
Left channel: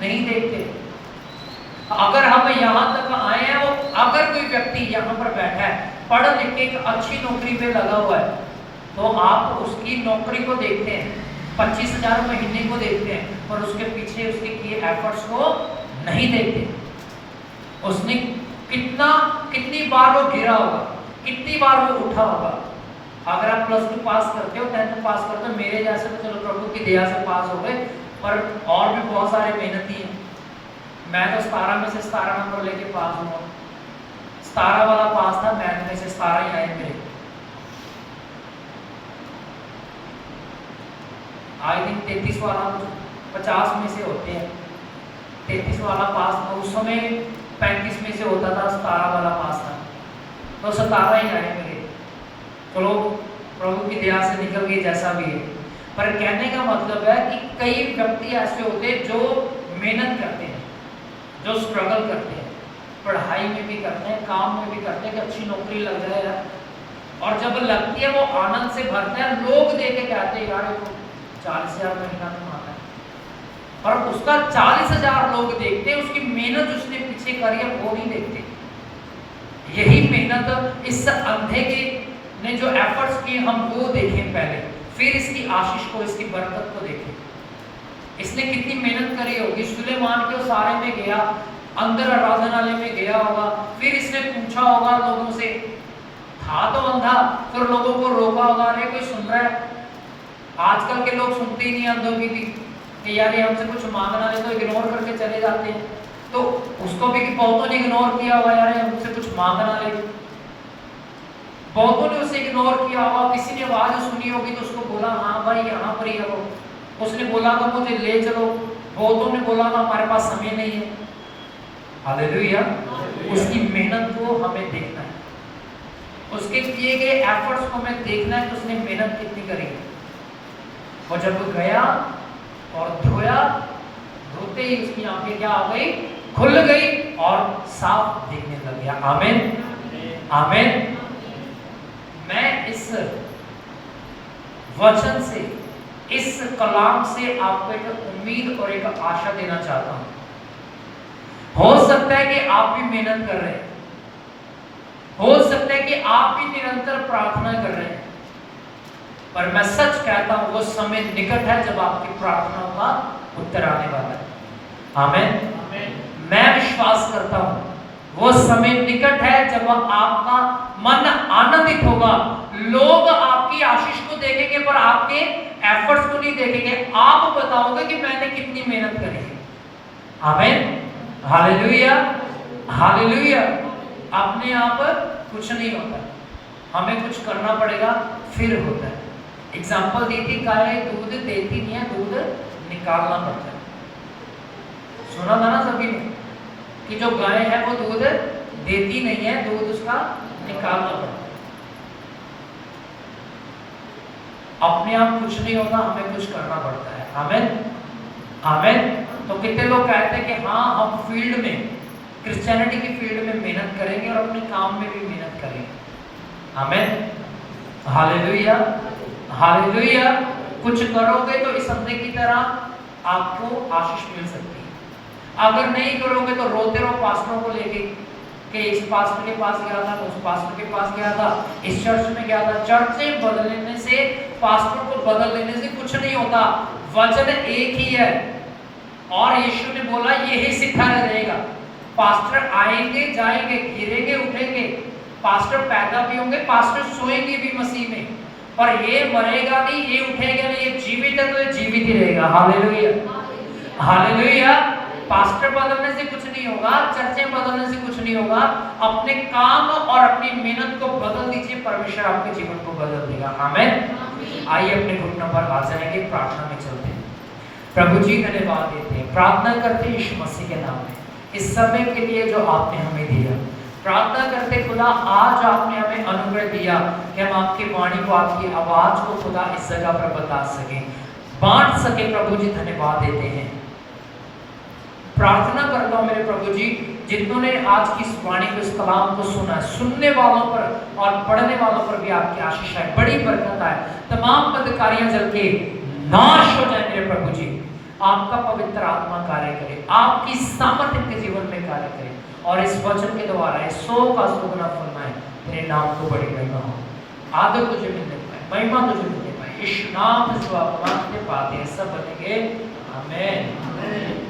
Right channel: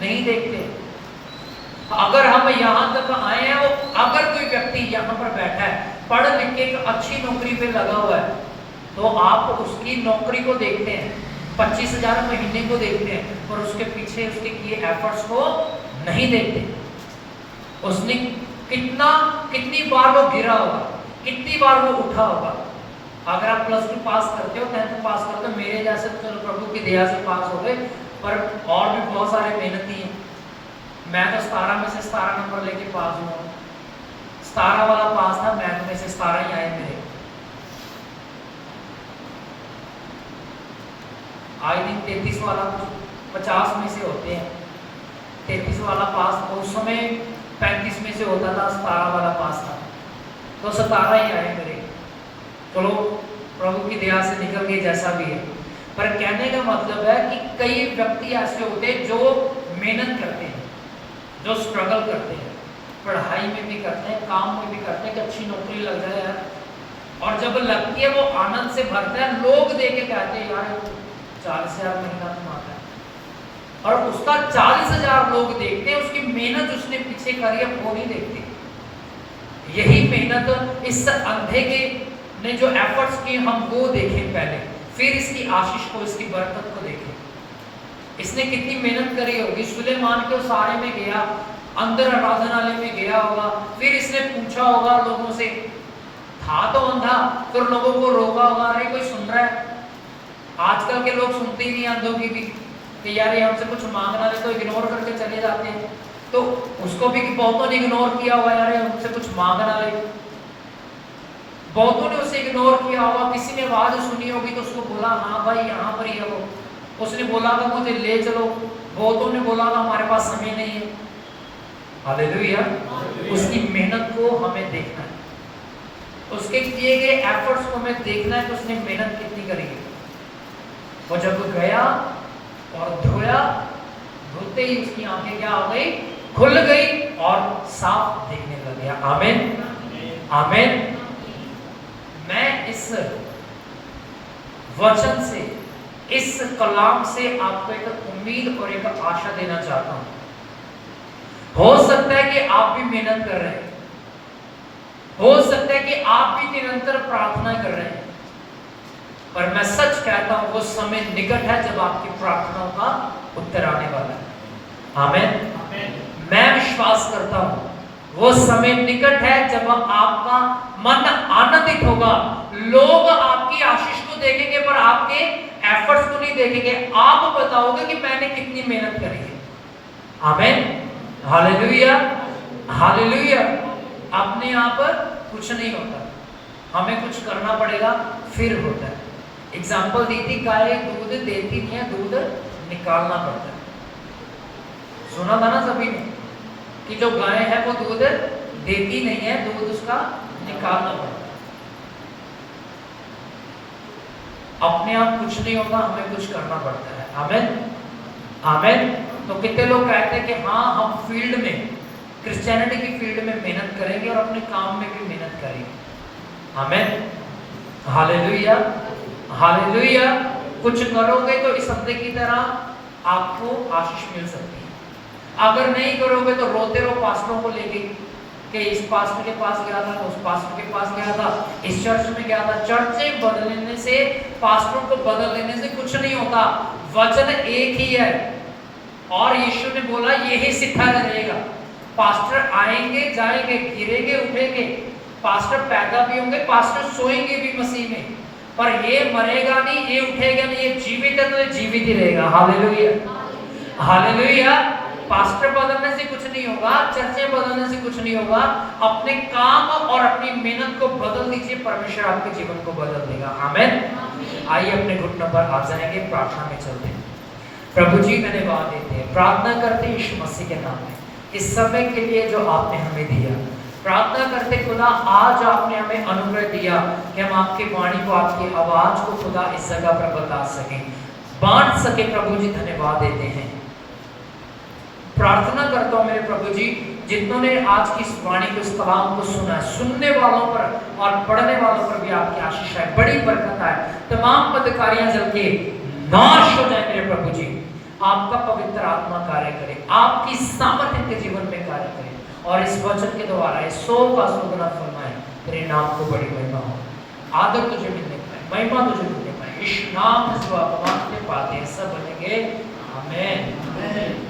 नहीं देखते। अगर हम यहाँ तक आए हैं, और अगर कोई व्यक्ति यहाँ पर बैठा है, पढ़ लिख के एक अच्छी नौकरी पे लगा हुआ है, तो आप उसकी नौकरी को देखते हैं, 25,000 महीने को देखते हैं, पर उसके पीछे उसके किए एफर्ट्स को नहीं देखते। उसने कितनी बार वो गिरा होगा, कितनी बार वो उठा होगा। अगर आप +2 पास करते हो, 10th पास करते हो, मेरे जैसे चलो प्रभु की दया से पास हो गए, पर और भी बहुत सारे मेहनती हैं। मैं तो 17 में से 17 नंबर लेके पास हुआ। 17 वाला पास था, मैथ में से 17 ही आए मेरे। आई थिंक 33 वाला 50 में से होते हैं, 33 वाला पास था। उस समय 35 में से होता था, 17 वाला पास था, तो 17 ही आए मेरे। चलो प्रभु की दया से निकल गए, जैसा भी है। पर कहने का मतलब है कि कई व्यक्ति ऐसे होते हैं जो मेहनत करते हैं, जो स्ट्रगल करते हैं, पढ़ाई में भी करते हैं, काम में भी करते हैं कि अच्छी नौकरी लग जाए, और जब लगती है वो आनंद से भरते हैं। लोग देख के कहते हैं, यार 40,000 महीना कमाता है, और उसका 40,000 लोग देखते हैं, उसकी मेहनत उसने पीछे करी है वो नहीं देखते। यही मेहनत इस अंधे के ने जो एफर्ट्स किए हम वो देखें पहले, फिर इसकी आशीष को, इसकी बरकत को देखें। इसने कितनी मेहनत करी होगी। सुलेमान के सारे में गया, अंदर आराधनालय में गया होगा, फिर इसने पूछा होगा लोगों से, था तो अंधा, फिर लोगों को रोका होगा, अरे कोई सुन रहा है, आजकल के लोग सुनते ही नहीं अंधों की भी कि यार ये हमसे कुछ मांगना है तो इग्नोर करके चले जाते हैं। तो उसको भी कि बहुतों ने इग्नोर किया हुआ, यार हमसे कुछ मांगना है, बहुतों ने उसे इग्नोर किया होगा। किसी ने आवाज सुनी होगी तो उसको बोला हाँ भाई यहाँ पर ही रहो, उसने बोला था मुझे ले चलो, बहुतों ने बोला था हमारे पास समय नहीं है। हालेलुया। उसकी मेहनत को हमें देखना है, उसके किए गए एफर्ट्स को हमें देखना है कि उसने मेहनत कितनी करी है। और जब वो गया और धोया, धोते ही उसकी आंखें क्या हो गई, खुल गई और साफ देखने लग गया। आमीन आमीन। मैं इस वचन से, इस कलाम से आपको एक उम्मीद और एक आशा देना चाहता हूं। हो सकता है कि आप भी मेहनत कर रहे हैं, हो सकता है कि आप भी निरंतर प्रार्थना कर रहे हैं, पर मैं सच कहता हूं वो समय निकट है जब आपकी प्रार्थनाओं का उत्तर आने वाला है। आमीन। मैं विश्वास करता हूं वो समय निकट है जब आपका मन आनंदित होगा। लोग आपकी आशीष को देखेंगे पर आपके एफर्ट्स को नहीं देखेंगे। आप बताओगे कि मैंने कितनी मेहनत करी है। आमीन हालेलुया हालेलुया। अपने आप कुछ नहीं होता, हमें कुछ करना पड़ेगा फिर होता है। एग्जाम्पल दी थी, गाय दूध देती नहीं है, दूध निकालना पड़ता है। सुना था ना सभी ने कि जो गाय है वो दूध देती नहीं है, दूध उसका निकालना पड़ता है। अपने आप कुछ नहीं होता, हमें कुछ करना पड़ता है। आमीन आमीन। तो कितने लोग कहते हैं कि हाँ हम फील्ड में, क्रिश्चियनिटी की फील्ड में मेहनत करेंगे और अपने काम में भी मेहनत करेंगे। आमीन हालेलुया हालेलुया। कुछ करोगे तो इस हफ्ते की तरह आपको आशीष मिल सकती है। अगर नहीं करोगे तो रोते रहो पास्टरों को लेके कि इस पास्टर के पास गया था, तो उस पास्टर के पास गया था, इस चर्च में गया था। चर्च से बदलने से, पास्टरों को बदल देने से कुछ नहीं होता। वचन एक ही है और यीशु ने बोला यही सिखाया जाएगा। पास्टर आएंगे जाएंगे, गिरेंगे उठेंगे, पास्टर पैदा भी होंगे, पास्टर सोएंगे भी मसीह में, पर ये मरेगा नहीं, ये उठेगा नहीं, ये जीवित है तो ये जीवित ही रहेगा। Hallelujah hallelujah. पास्टर बदलने से कुछ नहीं होगा, चर्चें बदलने से कुछ नहीं होगा। अपने काम और अपनी मेहनत को बदल दीजिए, परमेश्वर आपके जीवन को बदल देगा। आमीन। आइए अपने घुटनों पर आ जाएंगे, प्रार्थना में चलते हैं। प्रभु जी धन्यवाद देते हैं, प्रार्थना करते हैं यीशु मसीह के नाम में इस समय के लिए जो आपने हमें दिया। प्रार्थना करते खुदा आज आपने हमें अनुग्रह दिया कि हम आपकी वाणी को, आपकी आवाज को खुदा इस जगह पर बता सके, बांट सके। प्रभु जी धन्यवाद देते हैं। प्रार्थना करता हूँ मेरे प्रभु जी, जितनों ने आज की इस वाणी को, इस कलाम को सुना, सुनने वालों पर और पढ़ने वालों पर भी आपकी आशीष है, बड़ी बरकत है। तमाम बदकारियां जल के नाश हो जाए मेरे प्रभु जी। आपका पवित्र आत्मा कार्य करे, आपकी सामर्थ्य के जीवन में कार्य करे और इस वचन के द्वारा 100 का 100 गुना फरमाए। तेरे नाम को बड़ी महिमा हो, आदर तुझे मिलने पाए, महिमा तुझे मिलने पाए। इस नाम से भगवान के बातें सब बनेंगे। आमीन।